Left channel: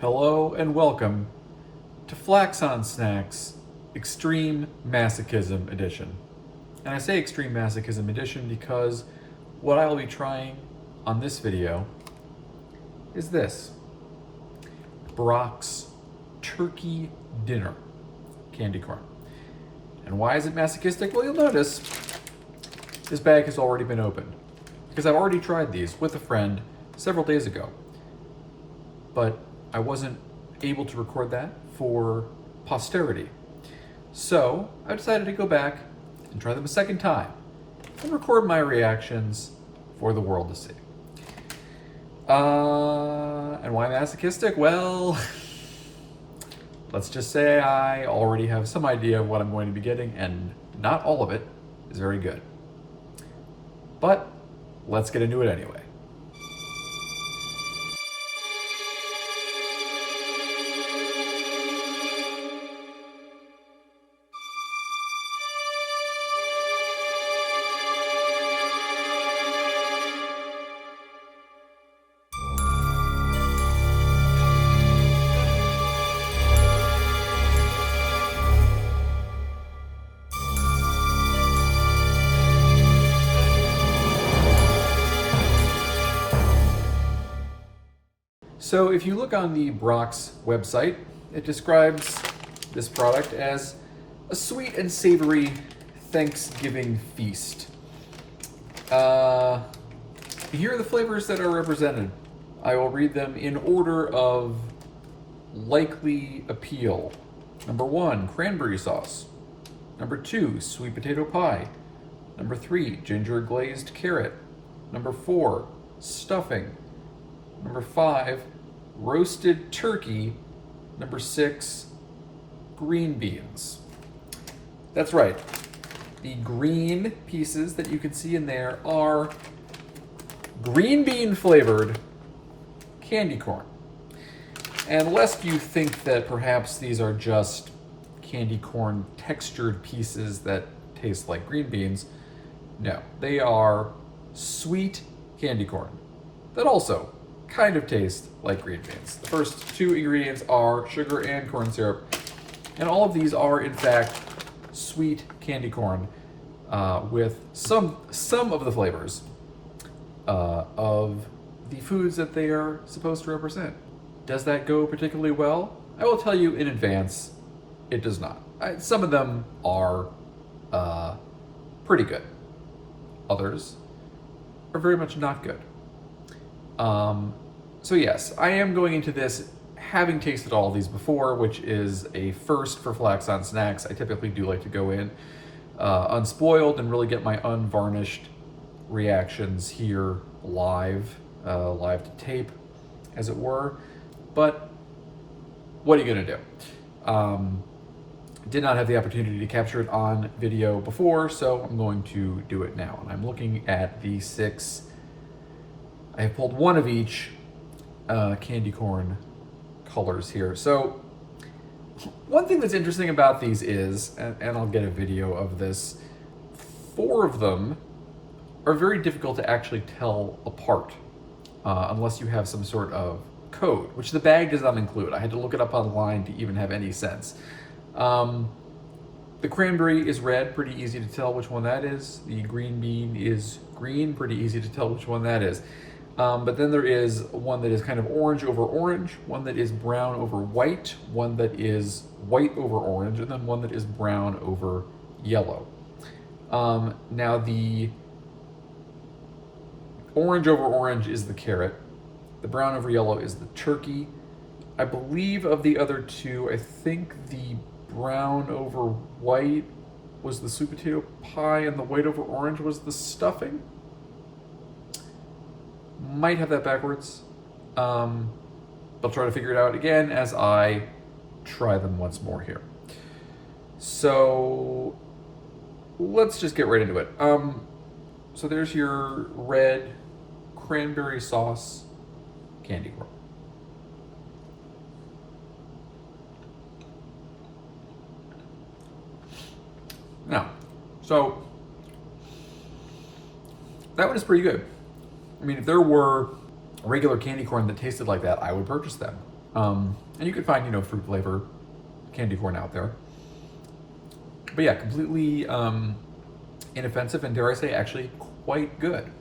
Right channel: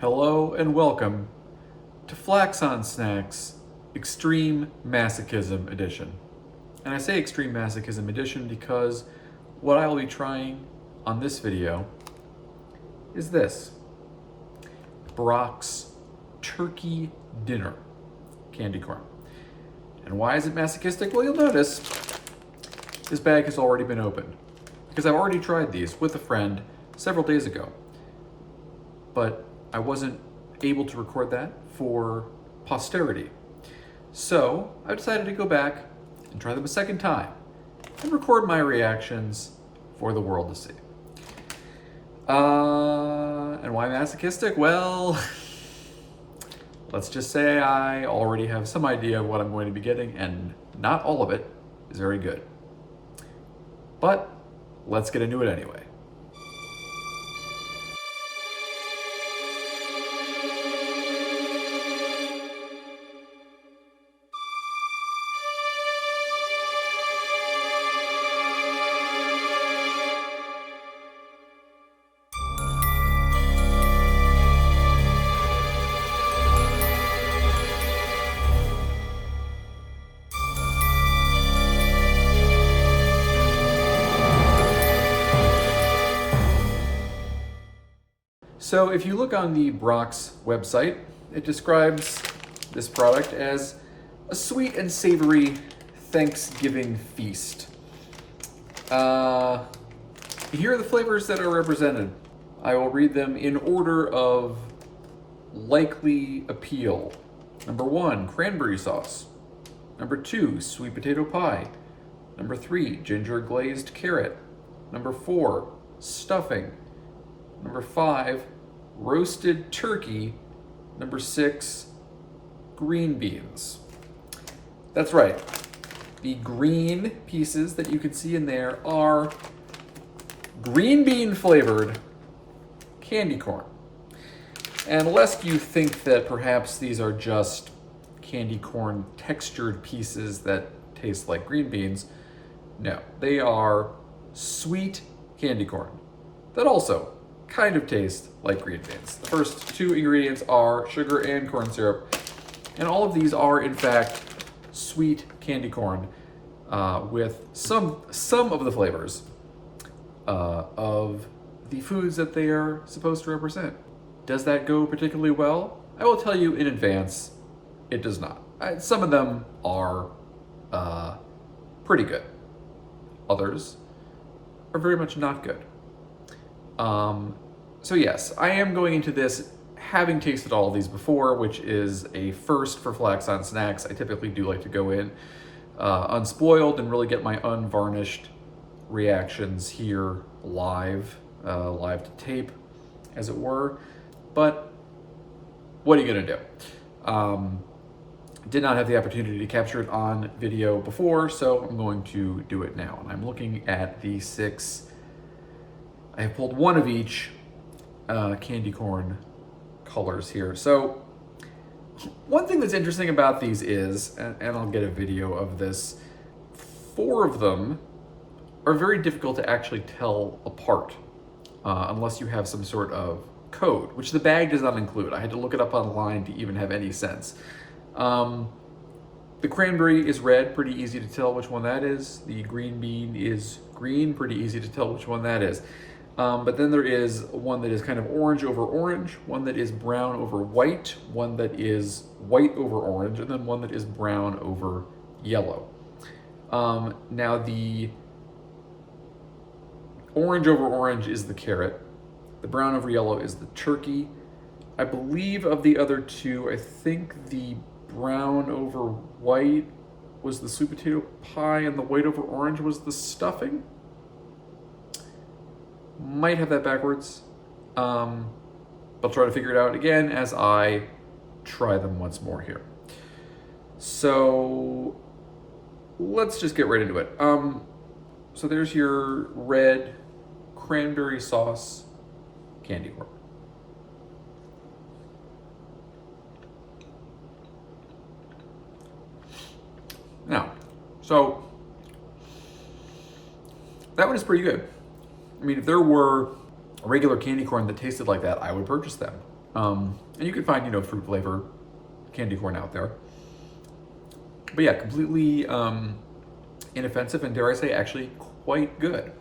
Hello and welcome to Flax on Snax Extreme Masochism Edition. And I say Extreme Masochism Edition because what I will be trying on this video is this. Brach's Turkey Dinner candy corn. And why is it masochistic? Well, you'll notice this bag has already been opened because I've already tried these with a friend several days ago. But I wasn't able to record that for posterity. So I decided to go back and try them a second time and record my reactions for the world to see. And why masochistic? Well, let's just say I already have some idea of what I'm going to be getting, and not all of it is very good. But let's get into it anyway. So if you look on the Brach's website, it describes this product as a sweet and savory Thanksgiving feast. Here are the flavors that are represented. I will read them in order of likely appeal. Number 1, cranberry sauce. Number 2, sweet potato pie. Number 3, ginger glazed carrot. Number 4, stuffing. Number 5, roasted turkey. Number 6, green beans. That's right. The green pieces that you can see in there are green bean flavored candy corn. And lest you think that perhaps these are just candy corn textured pieces that taste like green beans, no, they are sweet candy corn that also kind of taste like green beans. The first two ingredients are sugar and corn syrup, and all of these are in fact sweet candy corn with some of the flavors of the foods that they are supposed to represent. Does that go particularly well? I will tell you in advance, it does not. Some of them are pretty good. Others are very much not good. So yes, I am going into this having tasted all of these before, which is a first for Flax on Snax. I typically do like to go in unspoiled and really get my unvarnished reactions here live to tape, as it were. But what are you gonna do? Did not have the opportunity to capture it on video before, so I'm going to do it now. And I'm looking at the 6. I have pulled one of each candy corn colors here. So one thing that's interesting about these is, and I'll get a video of this, 4 of them are very difficult to actually tell apart unless you have some sort of code, which the bag does not include. I had to look it up online to even have any sense. The cranberry is red, pretty easy to tell which one that is. The green bean is green, pretty easy to tell which one that is. But then there is one that is kind of orange over orange, one that is brown over white, one that is white over orange, and then one that is brown over yellow. Now the orange over orange is the carrot. The brown over yellow is the turkey. I believe of the other 2, I think the brown over white was the sweet potato pie and the white over orange was the stuffing. Might have that backwards. I'll try to figure it out again as I try them once more here. So let's just get right into it. So there's your red cranberry sauce candy corn. Now, so that one is pretty good. I mean, if there were a regular candy corn that tasted like that, I would purchase them. And you can find, fruit flavor candy corn out there. But yeah, completely inoffensive and, dare I say, actually quite good.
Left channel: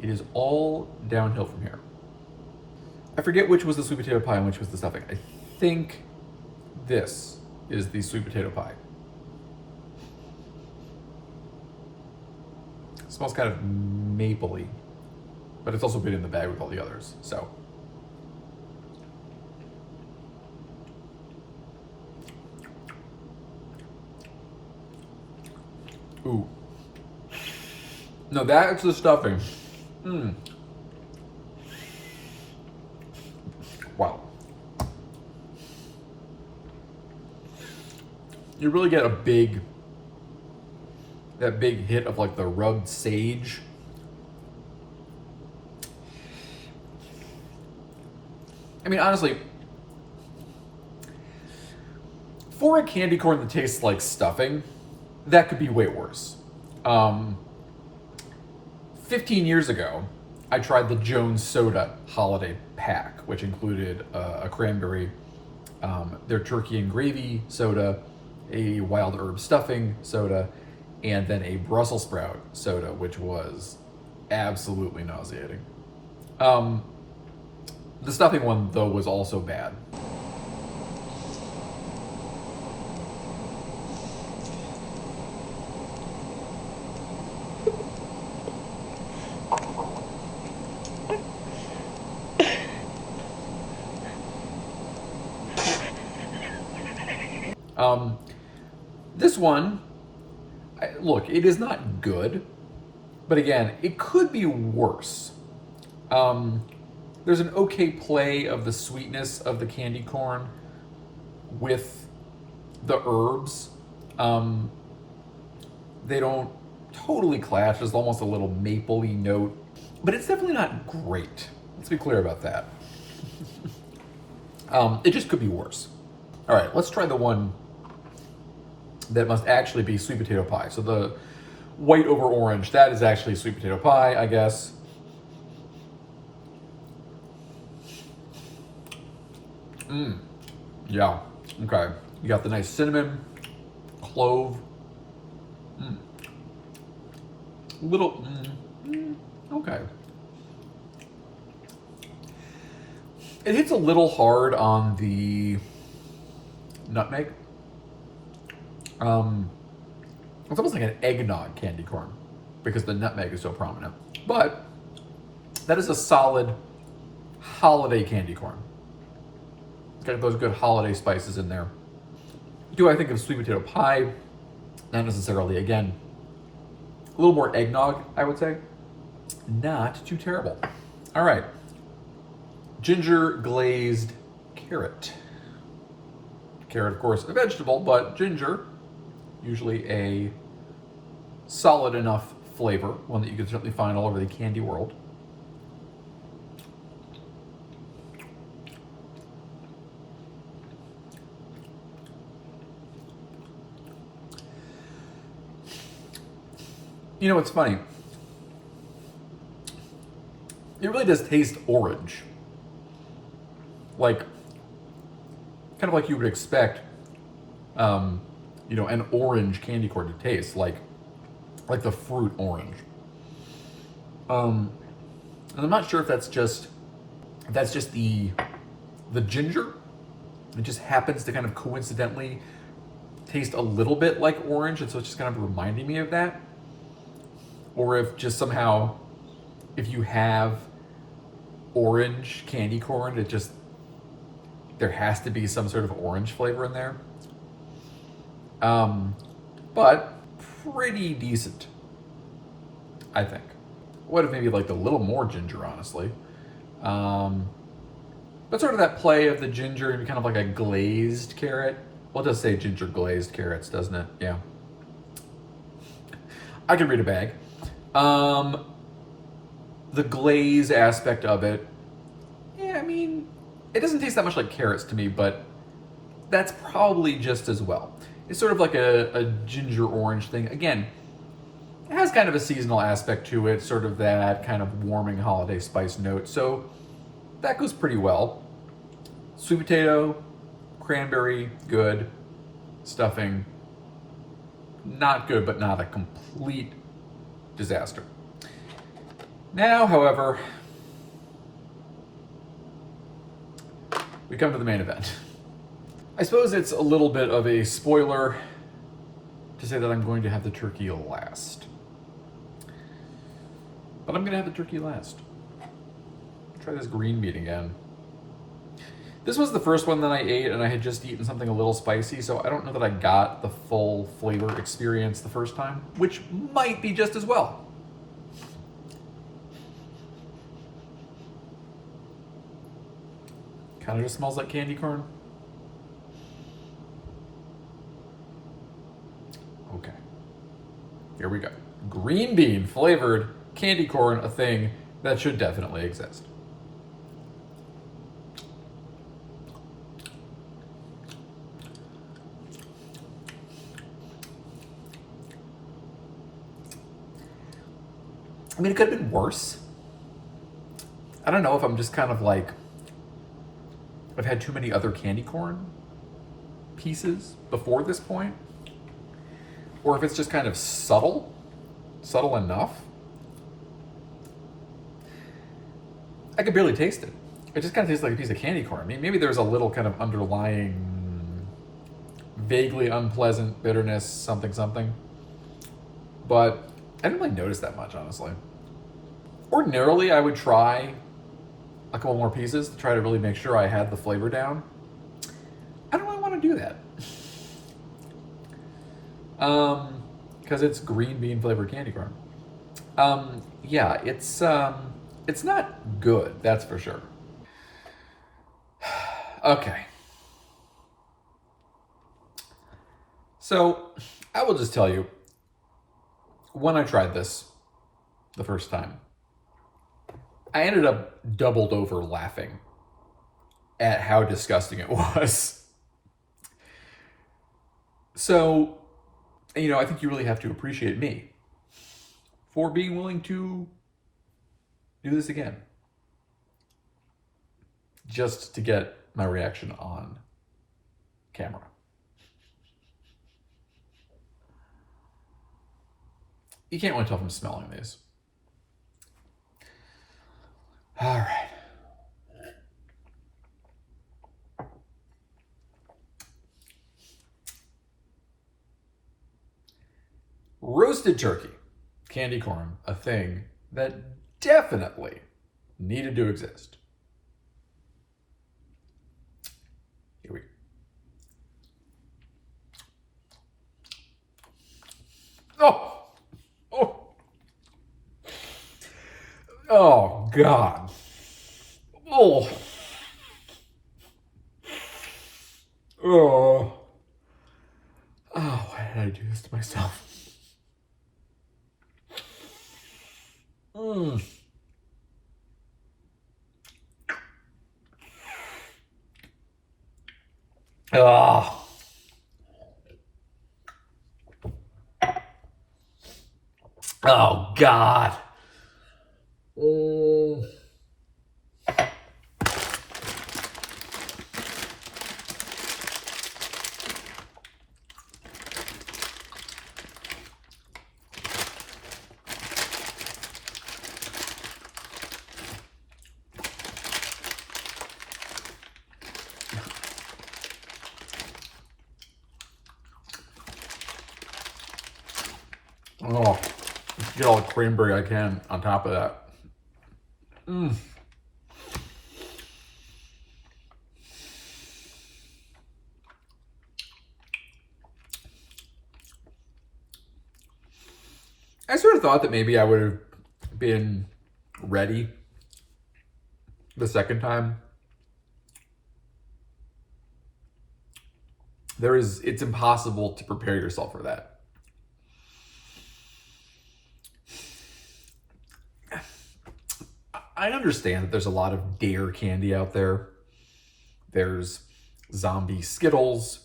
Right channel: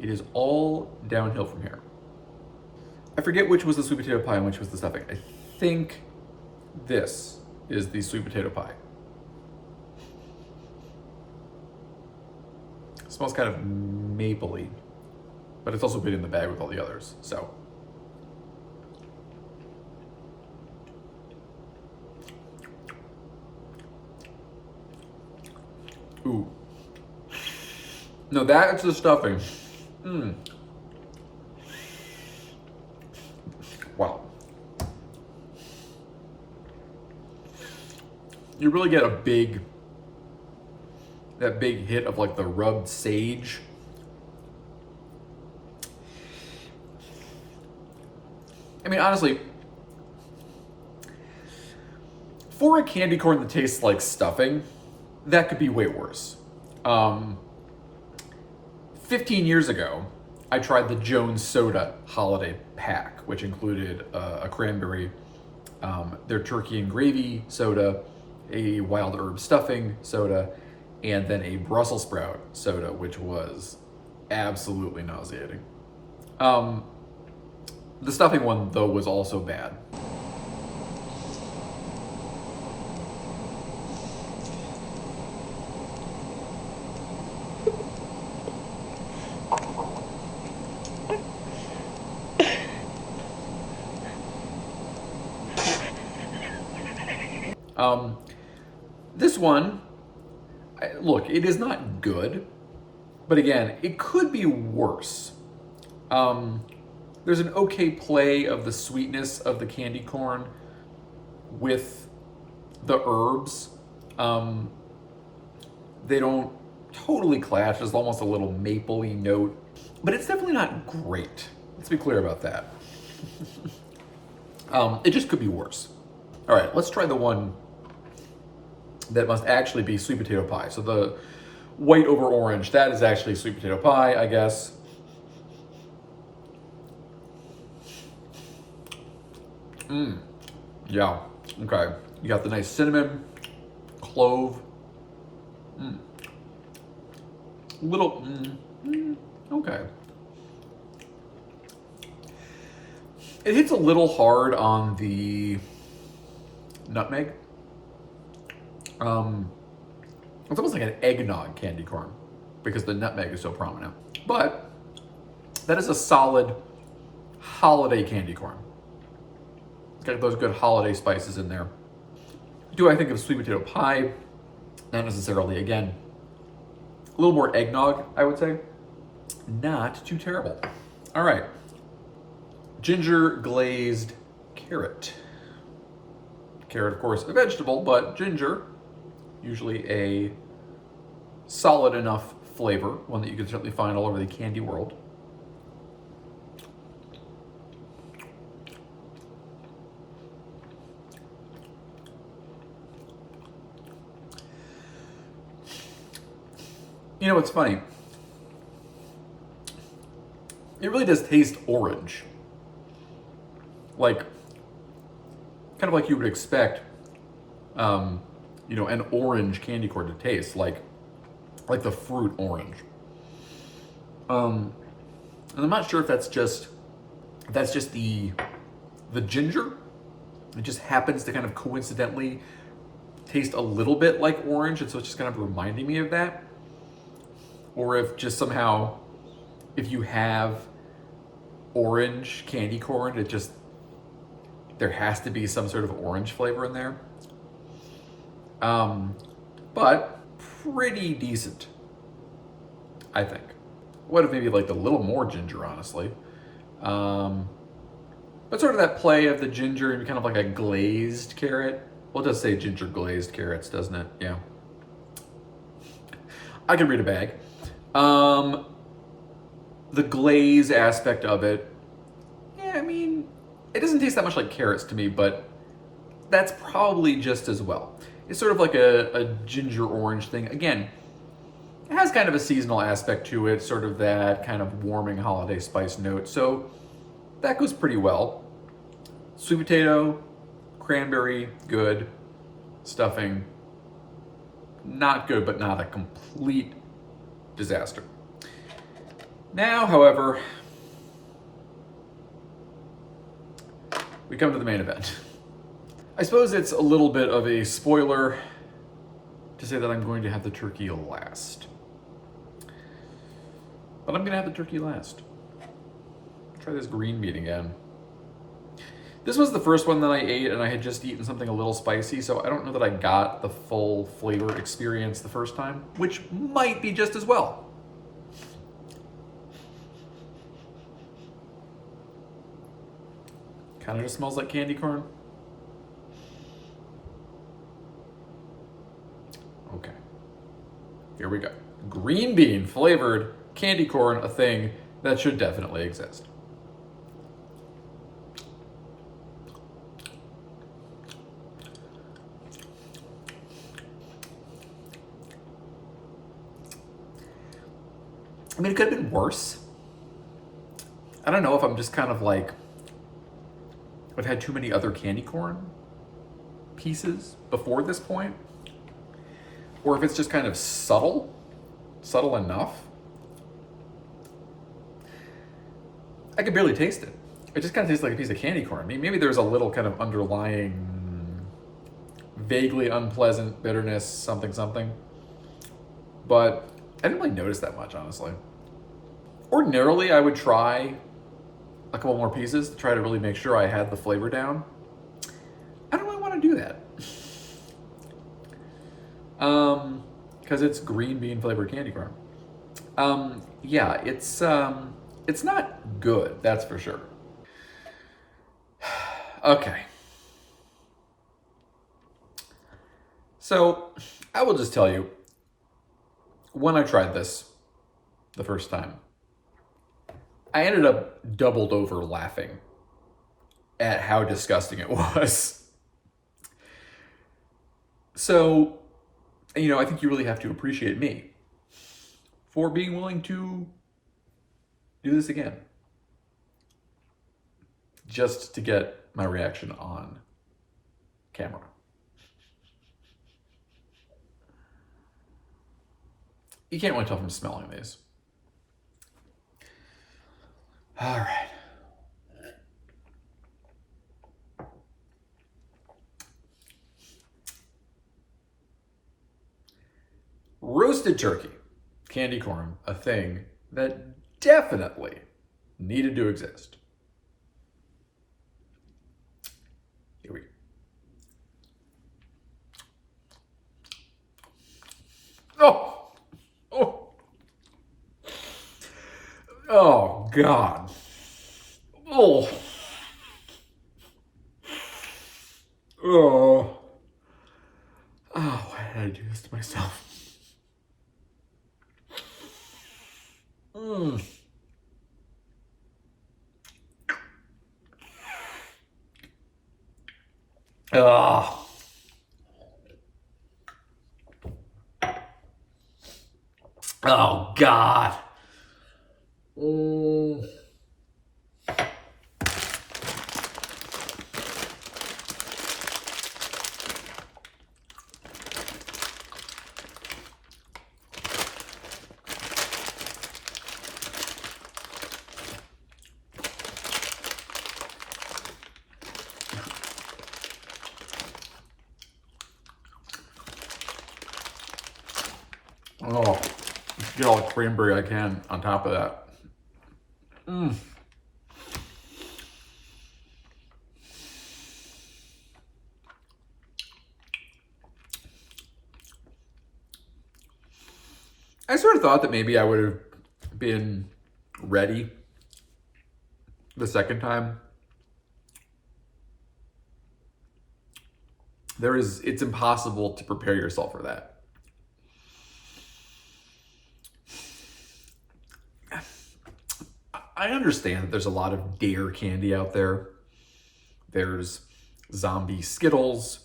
It is all downhill from here. I forget which was the sweet potato pie and which was the stuffing. I think this is the sweet potato pie. It smells kind of mapley, but it's also been in the bag with all the others, so. Ooh. No, that's the stuffing. Wow. You really get that big hit of like the rubbed sage. I mean, honestly, for a candy corn that tastes like stuffing, that could be way worse. 15 years ago, I tried the Jones Soda holiday pack, which included a cranberry, their turkey and gravy soda, a wild herb stuffing soda, and then a Brussels sprout soda, which was absolutely nauseating. The stuffing one, though, was also bad. This one, look, it is not good, but again, it could be worse. There's an okay play of the sweetness of the candy corn with the herbs. They don't totally clash. There's almost a little mapley note, but it's definitely not great. Let's be clear about that. It just could be worse. All right, let's try the one that must actually be sweet potato pie. So the white over orange, that is actually sweet potato pie, I guess. Yeah, okay. You got the nice cinnamon, clove. Little, okay. It hits a little hard on the nutmeg. It's almost like an eggnog candy corn because the nutmeg is so prominent. But that is a solid holiday candy corn. Got those good holiday spices in there. Do I think of sweet potato pie? Not necessarily. Again, a little more eggnog, I would say. Not too terrible. All right. Ginger glazed carrot. Carrot, of course, a vegetable, but ginger, usually a solid enough flavor, one that you can certainly find all over the candy world. You know what's funny? It really does taste orange. Like, kind of like you would expect, an orange candy corn to taste, like the fruit orange. And I'm not sure if that's just the ginger. It just happens to kind of coincidentally taste a little bit like orange, and so it's just kind of reminding me of that. Or if just somehow, if you have orange candy corn, there has to be some sort of orange flavor in there. But pretty decent, I think. Would have maybe liked a little more ginger, honestly. But sort of that play of the ginger and kind of like a glazed carrot. Well, it does say ginger glazed carrots, doesn't it? Yeah. I can read a bag. The glaze aspect of it, yeah, I mean, it doesn't taste that much like carrots to me, but that's probably just as well. It's sort of like a ginger orange thing. Again, it has kind of a seasonal aspect to it, sort of that kind of warming holiday spice note. So that goes pretty well. Sweet potato, cranberry, good. Stuffing, not good, but not a complete disaster. Now, however, we come to the main event. I suppose it's a little bit of a spoiler to say that I'm going to have the turkey last. But I'm going to have the turkey last. Try this green bean again. This was the first one that I ate, and I had just eaten something a little spicy, so I don't know that I got the full flavor experience the first time, which might be just as well. Kind of just smells like candy corn. Okay. Here we go. Green bean flavored candy corn, a thing that should definitely exist. I mean, it could have been worse. I don't know if I'm just kind of like, I've had too many other candy corn pieces before this point, or if it's just kind of subtle enough. I could barely taste it. It just kind of tastes like a piece of candy corn. I mean, maybe there's a little kind of underlying, vaguely unpleasant bitterness, something. But I didn't really notice that much, honestly. Ordinarily, I would try a couple more pieces to try to really make sure I had the flavor down. I don't really want to do that. Because it's green bean flavored candy corn. Yeah, it's not good, that's for sure. Okay. So, I will just tell you, when I tried this the first time, I ended up doubled over laughing at how disgusting it was. So, I think you really have to appreciate me for being willing to do this again. Just to get my reaction on camera. You can't really tell from smelling these. All right. Roasted turkey, candy corn, a thing that definitely needed to exist. Here we go. Oh, God. Oh. Oh. Why did I do this to myself? Oh. Oh, God. Oh, let's get all the cranberry I can on top of that. I sort of thought that maybe I would have been ready the second time. It's impossible to prepare yourself for that. I understand that there's a lot of dare candy out there. There's zombie Skittles.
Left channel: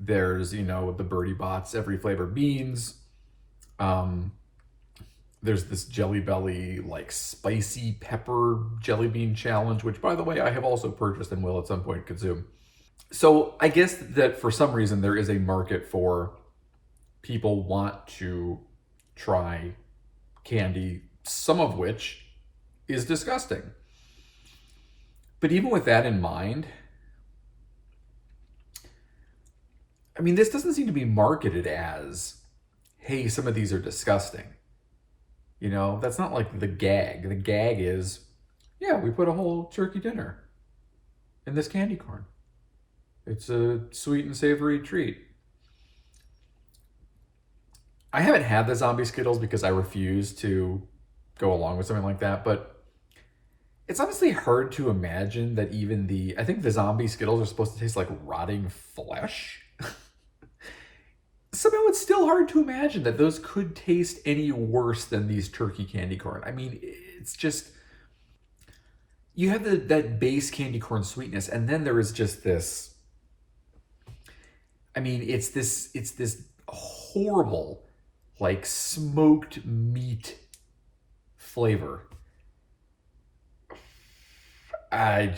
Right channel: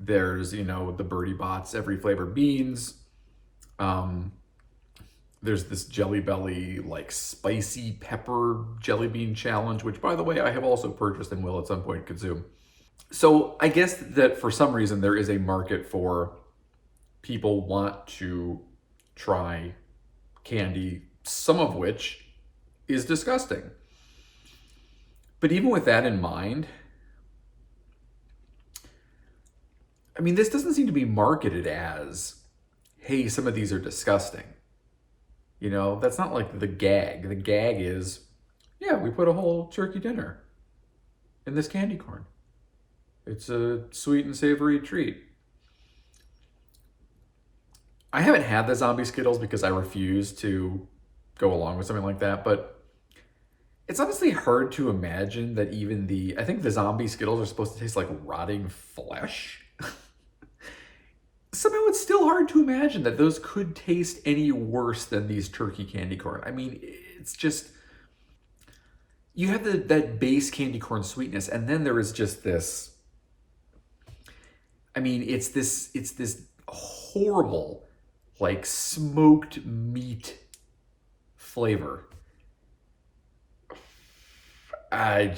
There's, the Birdie Bots, every flavor beans. There's this Jelly Belly, like, spicy pepper jelly bean challenge, which, by the way, I have also purchased and will at some point consume. So I guess that for some reason there is a market for people want to try candy, some of which is disgusting. But even with that in mind, I mean, this doesn't seem to be marketed as, hey, some of these are disgusting. You know, that's not like the gag. The gag is, yeah, we put a whole turkey dinner in this candy corn. It's a sweet and savory treat. I haven't had the zombie Skittles because I refuse to go along with something like that, but it's honestly hard to imagine that even I think the zombie Skittles are supposed to taste like rotting flesh. Somehow it's still hard to imagine that those could taste any worse than these turkey candy corn. I mean, it's just, you have that base candy corn sweetness, and then there is just this, I mean, it's this horrible, like, smoked meat flavor. I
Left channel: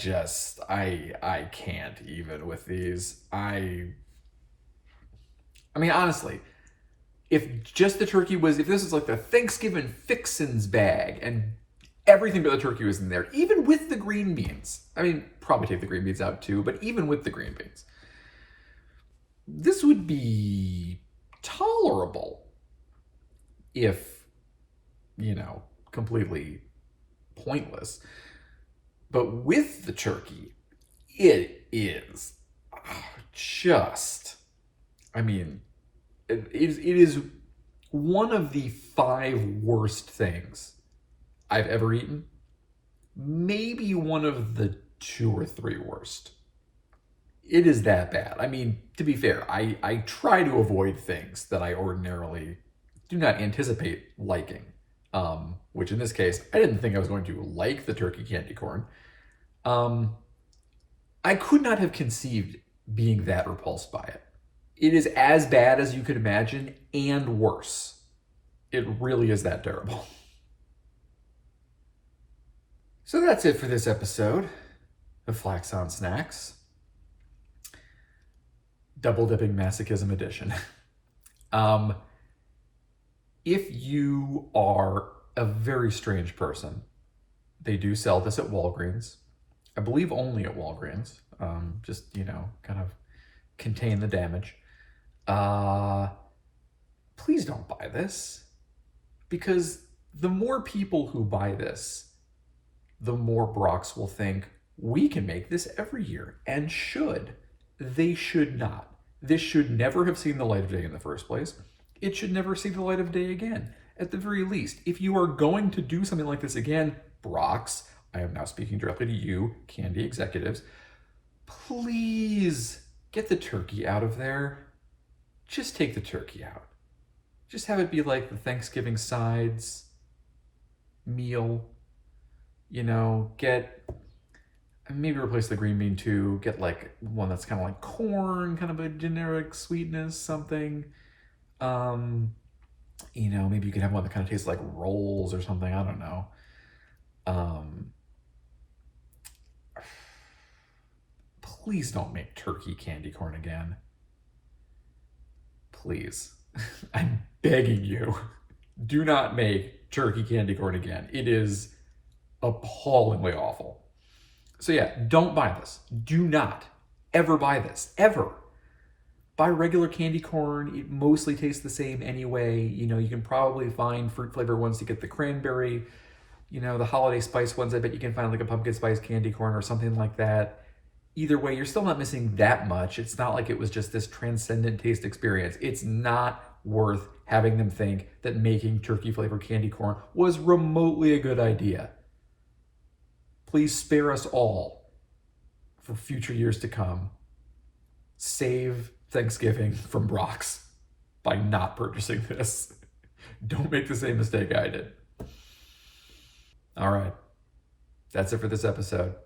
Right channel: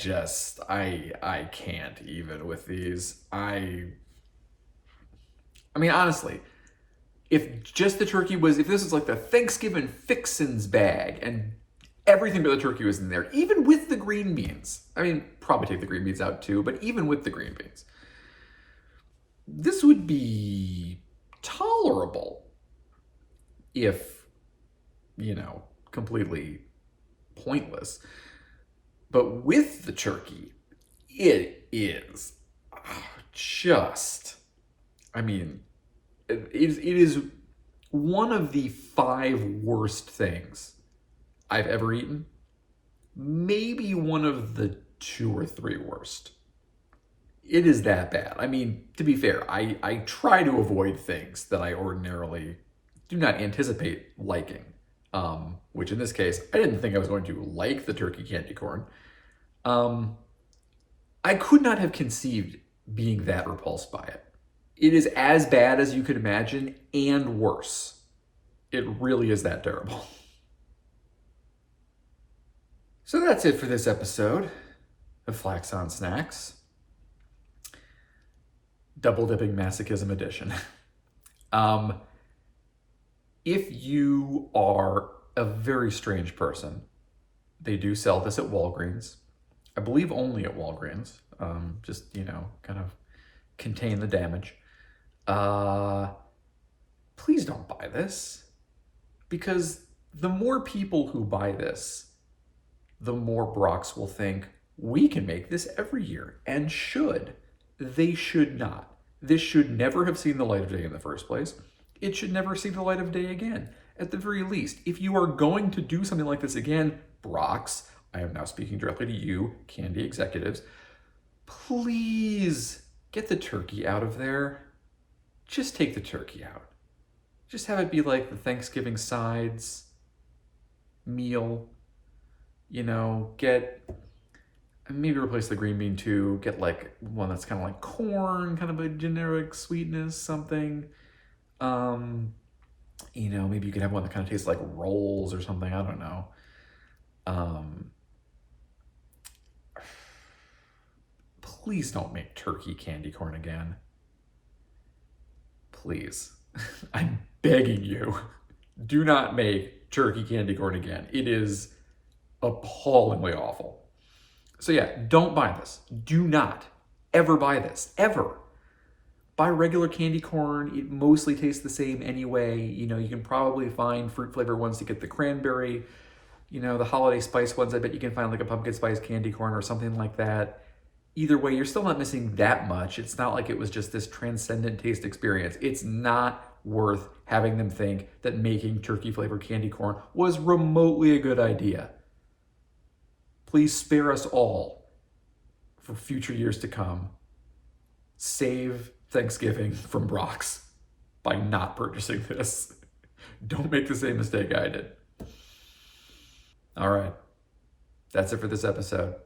can't even with these. I mean, honestly, if just the turkey was, if this is like the Thanksgiving fixins bag and everything but the turkey was in there, even with the green beans, I mean, probably take the green beans out too, but even with the green beans, this would be tolerable if, you know, completely pointless. But with the turkey, it is just, I mean, it is one of the 5 worst things I've ever eaten. Maybe one of the 2 or 3 worst. It is that bad. I mean, to be fair, I try to avoid things that I ordinarily do not anticipate liking. Which in this case, I didn't think I was going to like the turkey candy corn. I could not have conceived being that repulsed by it. It is as bad as you could imagine and worse. It really is that terrible. So that's it for this episode of Flax on Snacks. Double dipping masochism edition. If you are a very strange person, they do sell this at Walgreens. I believe only at Walgreens. Just, you know, kind of contain the damage. Please don't buy this, because the more people who buy this, the more Brachs will think, we can make this every year, and should. They should not. This should never have seen the light of day in the first place. It should never see the light of day again. At the very least, if you are going to do something like this again, Brachs, I am now speaking directly to you, candy executives, please get the turkey out of there. Just take the turkey out. Just have it be like the Thanksgiving sides meal. You know, maybe replace the green bean too. Get like one that's kind of like corn, kind of a generic sweetness, something. You know, maybe you could have one that kind of tastes like rolls or something. I don't know. Please don't make turkey candy corn again. Please. I'm begging you. Do not make turkey candy corn again. It is appallingly awful. So yeah, don't buy this. Do not ever buy this. Ever. Buy regular candy corn. It mostly tastes the same anyway. You know, you can probably find fruit flavor ones to get the cranberry. You know, the holiday spice ones, I bet you can find like a pumpkin spice candy corn or something like that. Either way, you're still not missing that much. It's not like it was just this transcendent taste experience. It's not worth having them think that making turkey flavored candy corn was remotely a good idea. Please spare us all for future years to come. Save Thanksgiving from Brach's by not purchasing this. Don't make the same mistake I did. All right. That's it for this episode.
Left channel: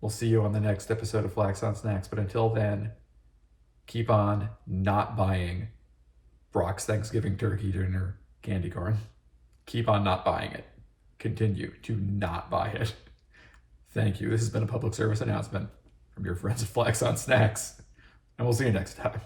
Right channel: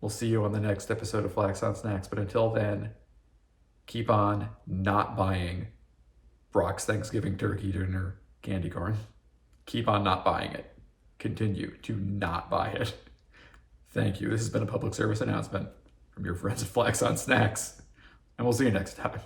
We'll see you on the next episode of Flax on Snacks. But until then, keep on not buying Brach's Thanksgiving turkey dinner candy corn. keep on not buying it. Continue to not buy it. Thank you. This has been a public service announcement from your friends at Flax on Snax, and we'll see you next time.